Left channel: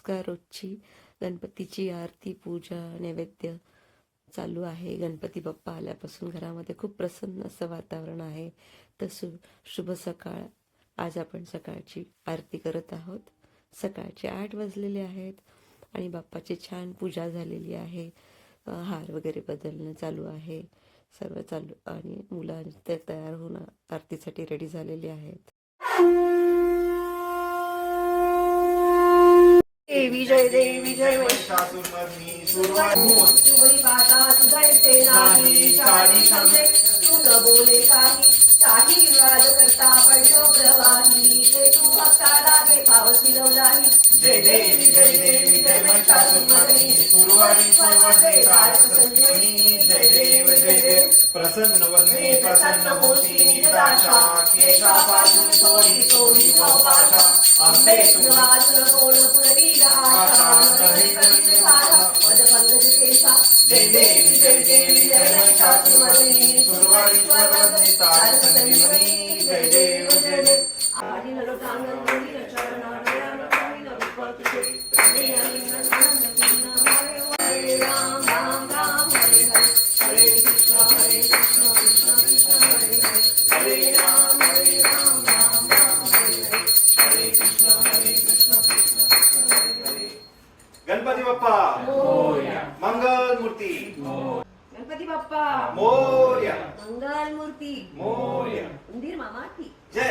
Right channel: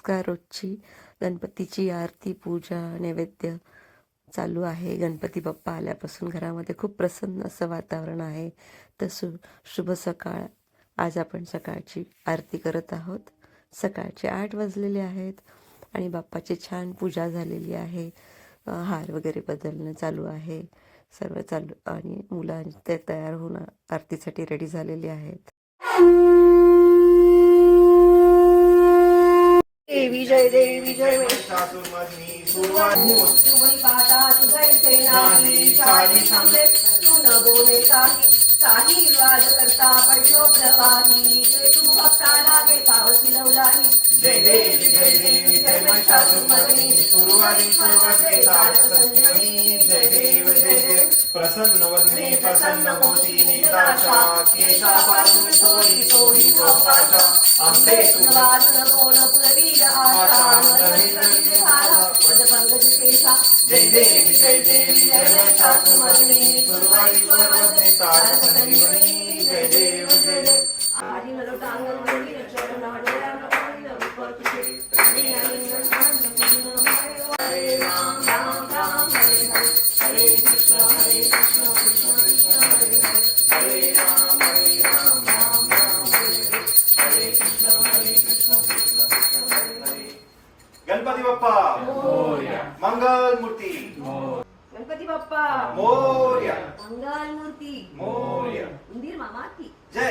रोजगार रोजची गणपतीची आरती, पूजा, नैवेद्य चालू आहे. गणपती बाप्पा आल्यापासून घरामध्ये खूप प्रसन्न असं वातावरण आहे. तर शुभ सकाळ. आज आपण सकाळची आरती करत आहोत. सकाळचे 8 वाजलेले आहेत आणि बाप्पाची छान पूजा झालेली आहे. हार वगैरे बदलणं चालू आहे. सर्व चालू आणि मुलं ते तयार होऊन आरतीसाठी रेडी झालेली आहेत. देवी जय देवी जय बोले काही विवाद करता पडलो प्रवाही ते तू भक्ताला देखावती लवलाही. जय देवी जय महिषासुरमर्दिनी सुरवारी सर्वस्वे संजीवनी. जय देव प्रसन्न वदने प्रसन्न होती निदाशा केशापासून सोडी सोडी पाशा. आंबे सुरवासुर कोण पुरवीर आशा पदपंकज केशा. जय देवी जय महिषासुरमर्दिनी सुरवारी सर्वस्वे संजीवनी. जय देव आदि नरोतांगनी चरण हरे राम राम राम हरे हरे कृष्ण कृष्ण कृष्ण हरे राम राम राम हरे कृष्ण कृष्ण हरे. गणपती बाप्पा मोरया. मंगल मूर्ती गणपती बाप्पा मोरया. मंगल मूर्ती मोरया. उंदीर मामा की जय.